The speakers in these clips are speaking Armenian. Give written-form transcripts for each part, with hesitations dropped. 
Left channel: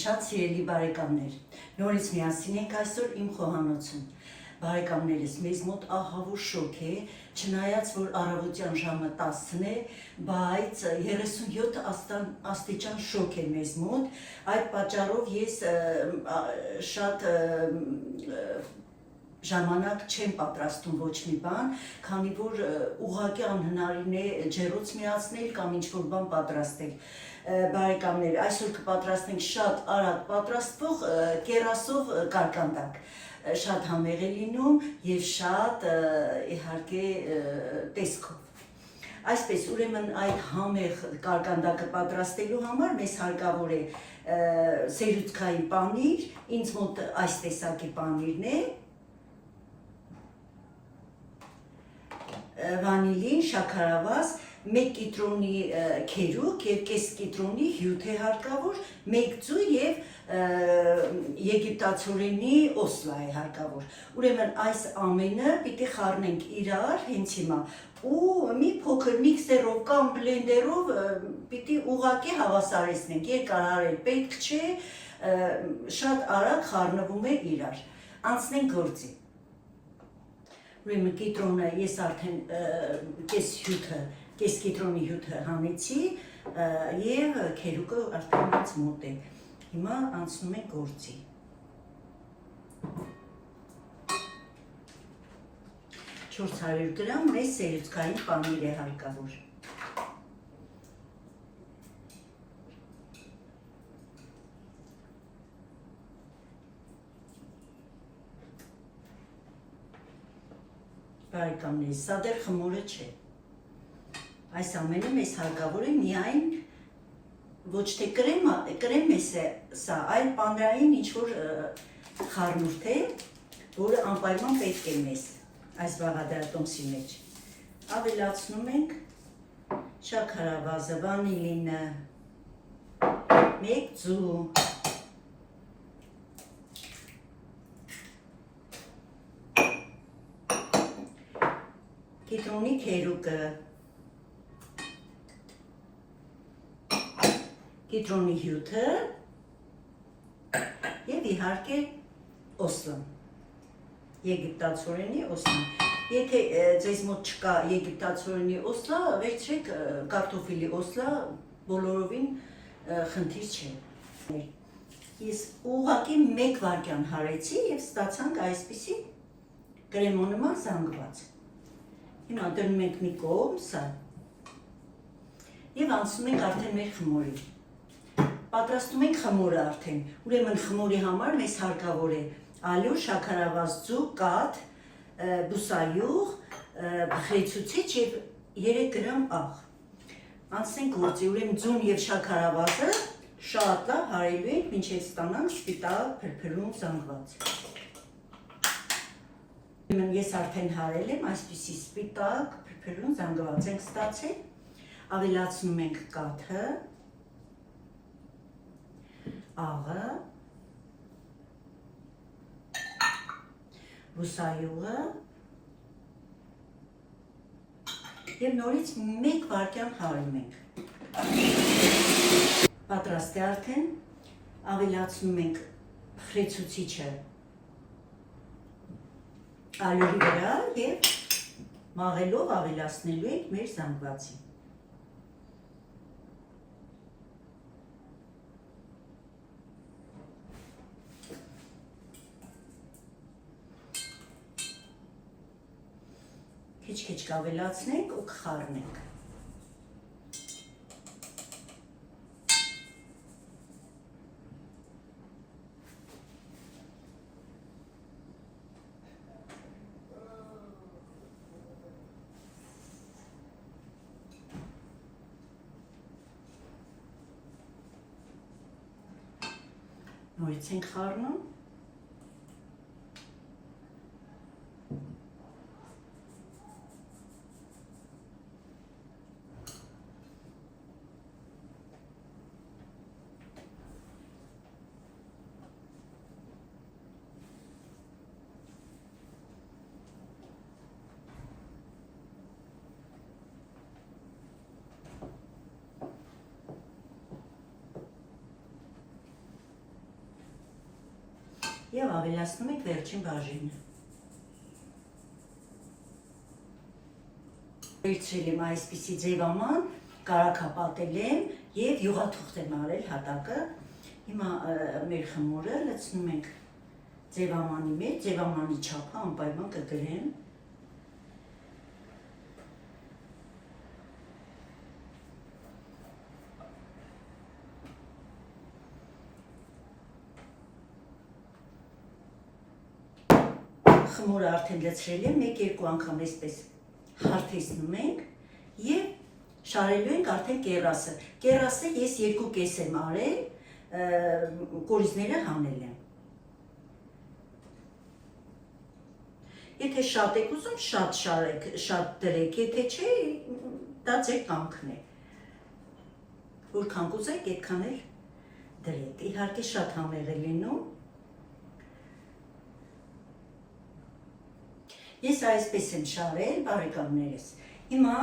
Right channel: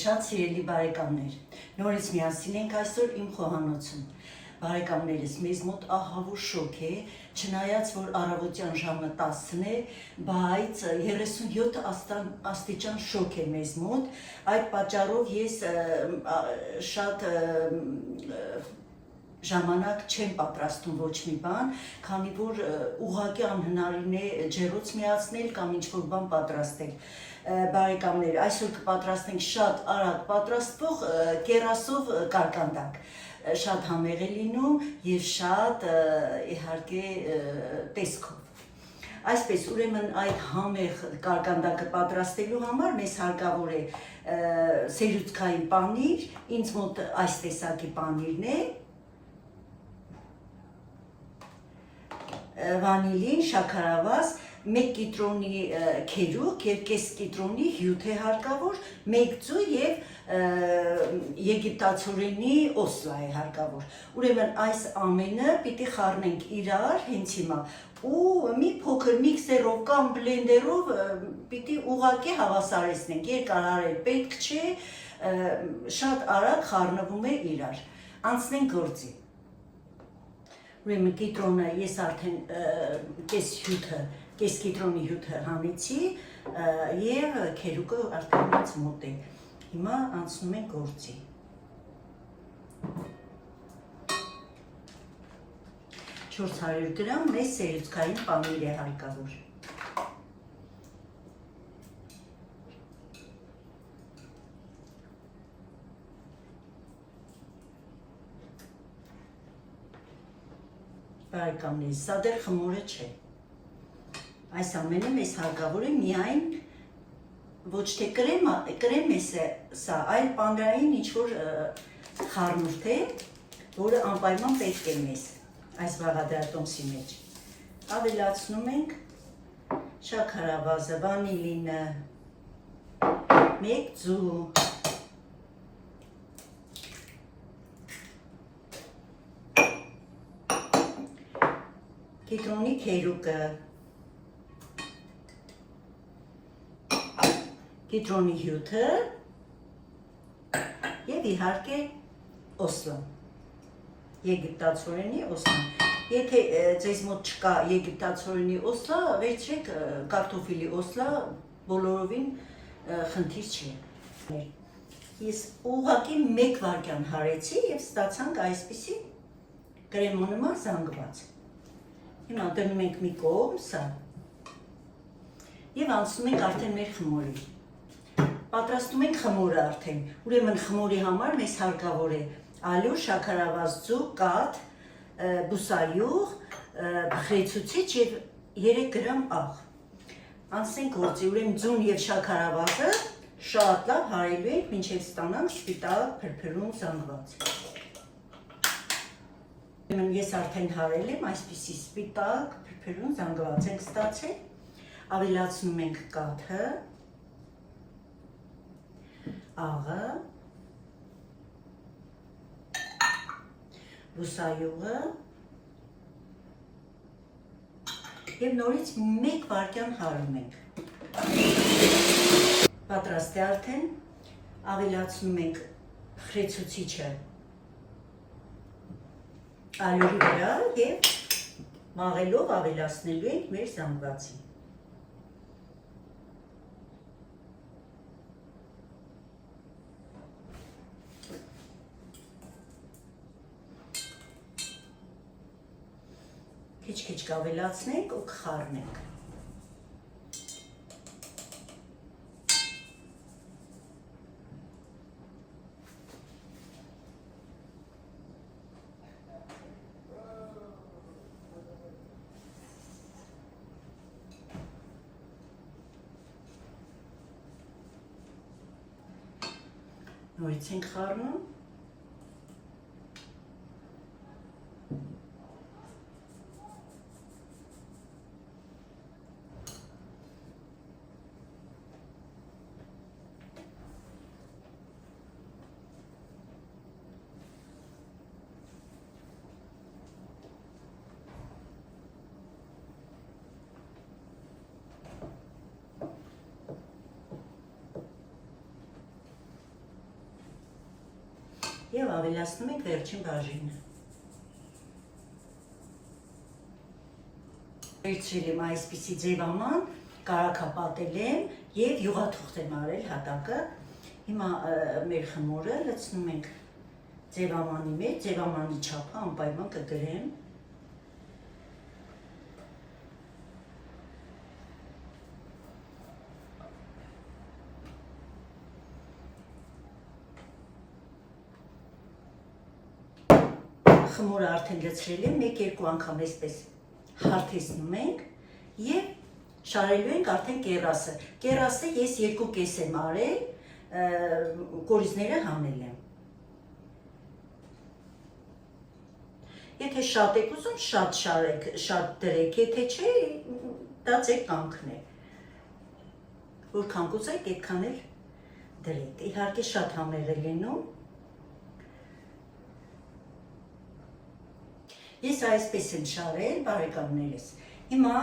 շատ սիրելի բարեկամներ, նորից միասին ենք այսօր իմ խոհանոցում։ Բարեկամներս, մեզ մոտ ահավոր շոկ է, չնայած որ առավոտյան ժամը 10-ն է, բայց 37 աստիճան շոկ է մեզ մոտ, այդ պատճառով ես շատ ժամանակ չեմ պատրաստում ոչ մի բան, քանի որ ուղղակի անհնարին է ջեռոց միացնել կամ ինչ-որ բան պատրաստել։ Բարեկամներ, այսօր կպատրաստենք շատ արագ պատրաստվող կերասով կարկանդակ, շատ համեղ է լինում և շատ իհարկե տեսքով։ Այսպես, ուրեմն այդ համեղ կարկանդակը պատրաստելու համար մեզ հարկավոր է սերուցքային պանիր, ինձ մոտ այս տեսակի պանիրն է, վանիլին, շաքարավազ, 1 կիտրոնի քերուկ և կես կիտրոնի հյութ է հարկավոր, 1 ձու և եգիպտացորենի օսլա է հարկավոր։ Ուրեմն այս ամենը պիտի խառնենք իրար հենց հիմա ու մի փոքր միքսերով կամ բլենդերով պիտի ուղղակի հավասարեցնենք, երկարարել պետք չէ, շատ արագ խառնվում է իրար։ Անցնենք գործի։ Ուրեմն կիտրոնը ես արդեն կես կիտրոնի հյութը հանեցի և քերուկը արդեն ինձ մոտ է։ Հիմա անցնում ենք գործի։ «400 գրամ մեծ սերուցքային պանիր է հարկավոր»։ Բարեկամներ, սա դեռ խմորը չէ։ Այս ամենը մեզ հարկավոր է միայն ոչ թե կրեմ է սա, այլ պանրային ինչ-որ խառնուրդ է, որը անպայման պետք է մեզ այս բաղադրատոմսի մեջ։ Ավելացնում ենք շաքարավազը, վանիլինը, 1 ձու, կիտրոնի քերուկը, կիտրոնի հյութը և իհարկե օսլան, եգիպտացորենի օսլան։ Եթե ձեզ մոտ չկա եգիպտացորենի օսլա, վերցրեք կարտոֆիլի օսլա, բոլորովին խնդիր չէ։ Ես ուղղակի 1 վայրկյան հարեցի և ստացանք այսպիսի կրեմոնման զանգված։ Հիմա դնում ենք մի կողմ սա և անցնում ենք արդեն մեր խմորի։ Պատրաստում ենք խմորը արդեն, ուրեմն խմորի համար մեզ հարկավոր է ալյուր, շաքարավազ, ձու, կաթ, բուսայուղ, բխրեցուցիչ և 3 գրամ աղ։ Անցնենք գործի, ուրեմն ձուն և շաքարավազը շատ լավ հարելու ենք, մինչև ստանանք սպիտակ փրփրուն զանգված։ Ես արդեն հարել եմ, այսպիսի սպիտակ փրփրուն զանգված ենք ստացել, ավելացնում ենք կաթը, աղը, բուսայուղը և նորից 1 վայրկյան հարում ենք։ Պատրաստ է արդեն, ավելացնում ենք բխրեցուցիչը ալյուրի վրա և մաղելով ավելացնելու ենք մեր զանգվածին։ Քիչ-քիչ կավելացնենք ու կխառնենք։ Նորից ենք խառնում։ Եվ ավելացնում ենք վերջին բաժինը։ Վերցրել եմ այսպիսի ձևաման, կարագապատել եմ և յուղաթուղթ եմ արել հատակը։ Հիմա մեր խմորը լցնում ենք ձևամանի մեջ, ձևամանի չափը անպայման կգրեմ։ Խմորը արդեն լցրել եմ, 1-2 անգամ այսպես հարթեցնում ենք և շարելու ենք արդեն կեռասը։ Կեռասը ես 2 կես եմ արել, կորիզները հանել եմ։ Եթե շատ եք ուզում, շատ շարեք, շատ դրեք, եթե չէ, դա ձեր կամքն է։ Որքան կուզեք, այդքան էլ դրեք։ Իհարկե շատ համեղ է լինում։ Ես այսպես եմ շարել, բարեկամներս։ Հիմա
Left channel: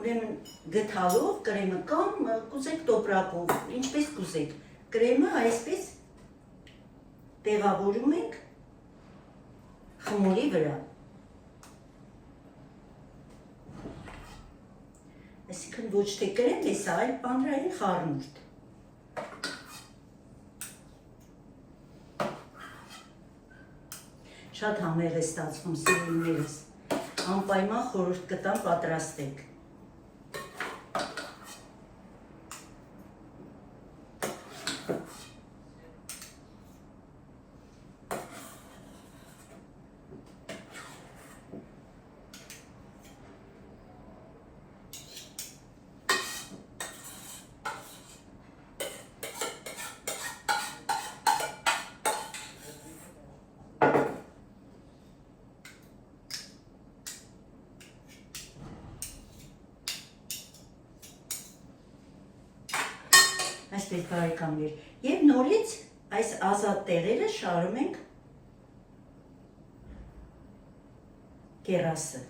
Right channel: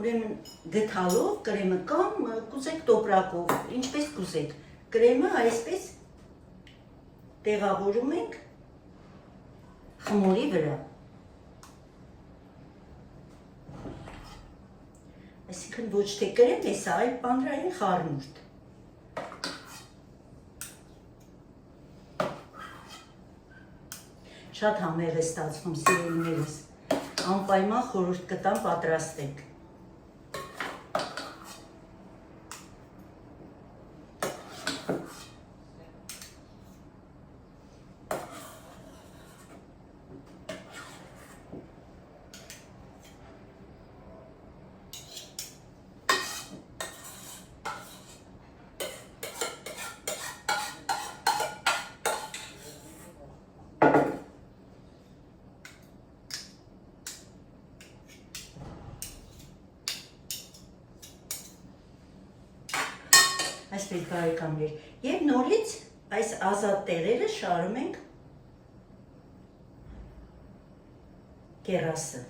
ուրեմն գթալով կրեմը կամ կուզեք տոպրակով, ինչպես կուզեք, կրեմը այսպես տեղավորում ենք խմորի վրա։ Այսինքն ոչ թե կրեմ է սա, այլ պանրային խառնուրդ։ Շատ համեղ է ստացվում, սիրելիներս, անպայման խորհուրդ կտամ պատրաստեք։ Այսպես բարեկամներ, և նորից այս ազատ տեղերը շարում ենք կեռասը։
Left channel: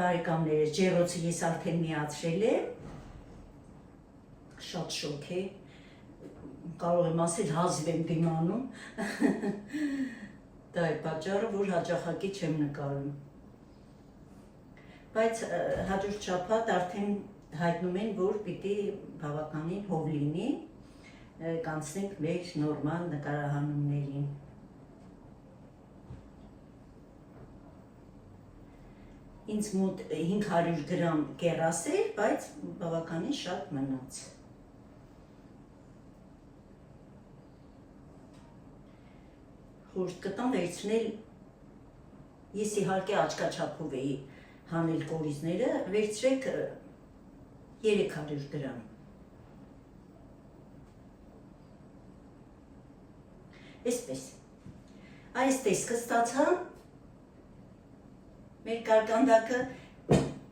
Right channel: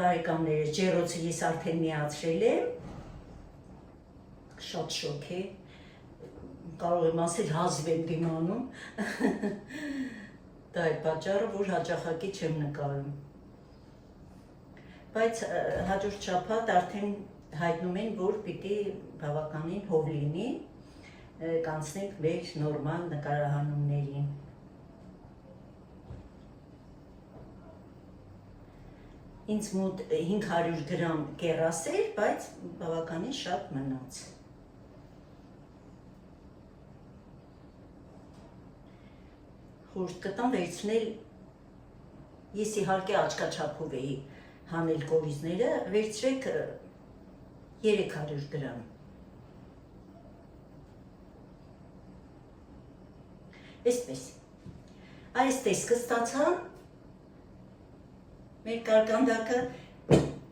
Բարեկամները, ջեռոցը ես արդեն միացրել եմ, շատ շոկ է, կարող եմ ասել հազիվ եմ դիմանում, դա է պատճառը, որ հաճախակի չեմ նկարում, բայց հաջորդ շաբաթ արդեն հայտնում են, որ պիտի բավականին հով լինի, կանցնենք մեր նորմալ նկարահանումներին։ Ինձ մոտ 500 գրամ կեռաս էր, բայց բավականին շատ մնաց։ Խորհուրդ կտամ վերցնել, ես իհարկե աչքաչափով էի հանել կորիզները, վերցրեք 300 գրամ։ Այսպես, այս տեսքը ստացա, մեր կարկանդակը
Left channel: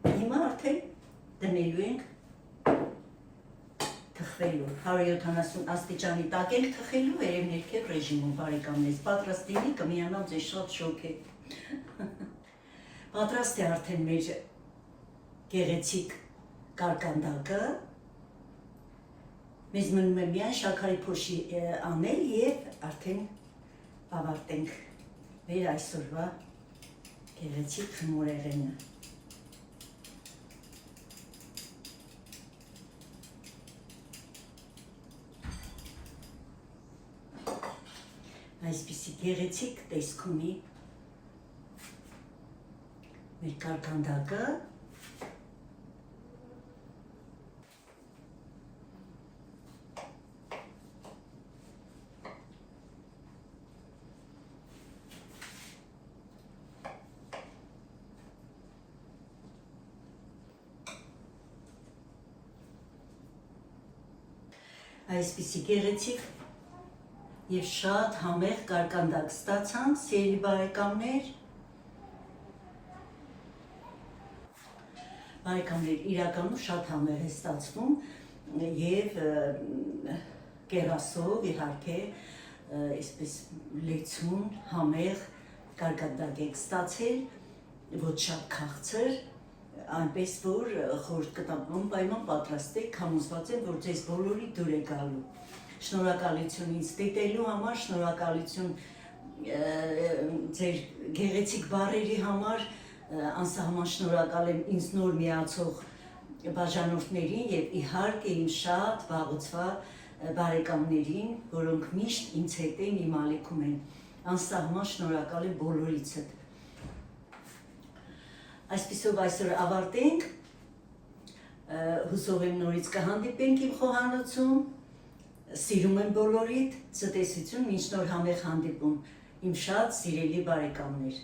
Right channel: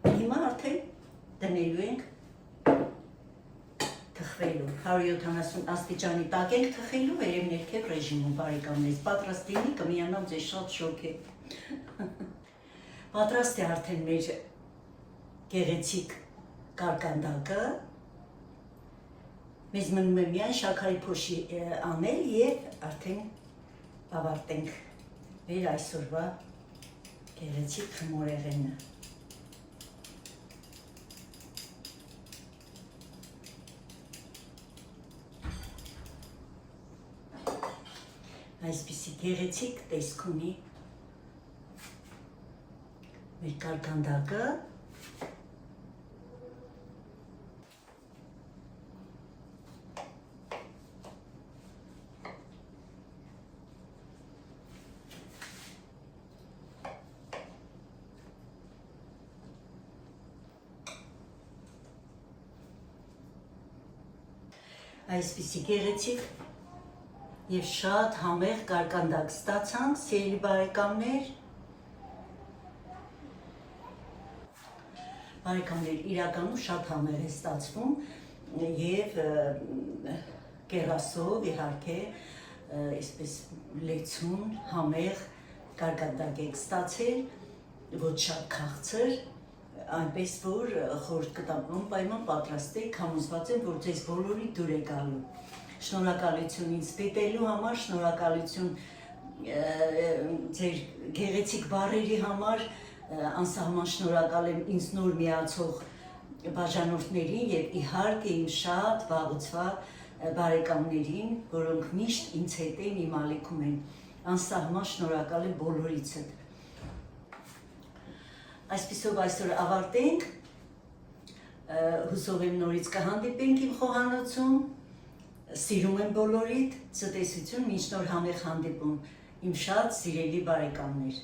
հիմա արդեն դնելու ենք թխվելու, 170 աստիճանի տակ ենք թխելու, վերև ներքև ռեժիմում, բարեկամներս, պատրաստ լինի, կմիանամ ձեզ շատ շոկ է։ Պատրաստ է արդեն մեր գեղեցիկ կարկանդակը, մեզ մնում է միայն շաքարի փոշի անել և արդեն ավարտենք մեր այսօրվա գեղեցիկ խմորեղենը։ Այսպիսի գեղեցիկ տեսք ունի մեր կարկանդակը։ Այսպիսի գեղեցիկ և շատ համեղ կարկանդակ ստացանք, սիրելի բարեկամներ։ Բարեկամներ, իրականում շատ համեղ է ստացվում և կեռասով, իհարկե, այսպես լեցուն, համեղ կարկանդակ եք ստացել, ոչ շատ քաղցր, այնպես որ խորհուրդ կտամ անպայման պատրաստեք, համոզված եմ, որ ձեզ բոլորի դուր է գալու։ Շնորհակալություն ինձ դիտելու համար, շնորհակալություն ձեր գեղեցիկ բառերի համար, անսահման շնորհակալ եմ ինձ նոր միացող բաժանորդներին եւ իհարկե իմ շատ վաղուցված բարեկամներին, որոնք միշտ ինձ հետ են, իմ ալիքում են, անսահման շնորհակալ եմ բոլորիցդ։ Այսպիսով այսօր ավարտենք, հուսով եմ նորից կհանդիպենք իմ խոհանոցում, սիրում եմ բոլորիդ, ցտեսություն, մինչ նոր համեղ հանդիպում, իմ շատ սիրելի բարեկամներ։